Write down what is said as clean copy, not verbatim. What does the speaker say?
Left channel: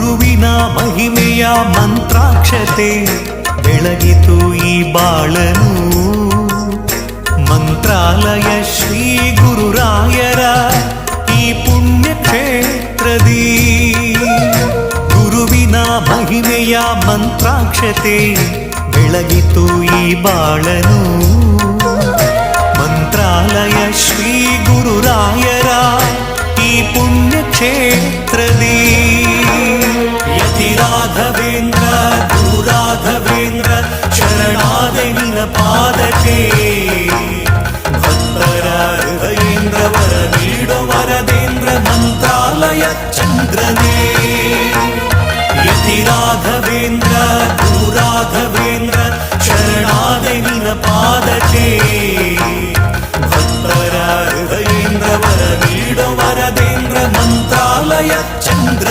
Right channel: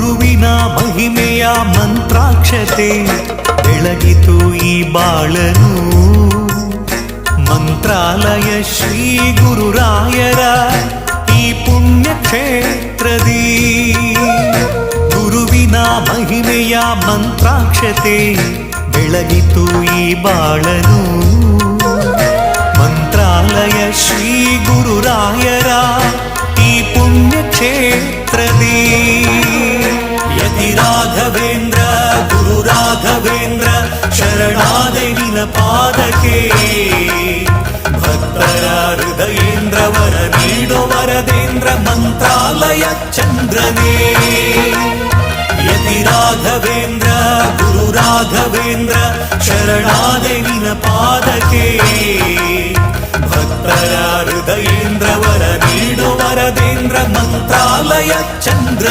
ಗುರುವಿನ ಮಹಿಮೆಯ ಮಂತ್ರಾಕ್ಷತೆ ಬೆಳಗಿತು ಈ ಬಾಳನು. ಮಂತ್ರಾಲಯ ಶ್ರೀ ಗುರುರಾಯರ ಈ ಪುಣ್ಯ ಕ್ಷೇತ್ರದಿ ಗುರುವಿನ ಮಹಿಮೆಯ ಮಂತ್ರಾಕ್ಷತೆ ಬೆಳಗಿತು ಈ ಬಾಳನು. ಮಂತ್ರಾಲಯ ಶ್ರೀ ಗುರುರಾಯರ ಈ ಪುಣ್ಯ ಕ್ಷೇತ್ರದಿ ಯತಿ ರಾಘವೇಂದ್ರ ಗುರು ರಾಘವೇಂದ್ರ ಶರಣಾದೆ ನಿನ ಪಾದಕ್ಕೆ. ಭಕ್ತರ ಹೃದಯೇಂದ್ರ ವರ ನೀಡೋ ವರದೇಂದ್ರ ಮಂತ್ರಾಲಯ ಚಂದ್ರನೇ. ಯತಿ ರಾಘವೇಂದ್ರ ಗುರು ರಾಘವೇಂದ್ರ ಶರಣಾದೆ ನಿನ ಪಾದಕ್ಕೆ. ಭಕ್ತರ ಹೃದಯೇಂದ್ರ ವರ ನೀಡೋ ವರದೇಂದ್ರ ಮಂತ್ರಾಲಯ ಚಂದ್ರ.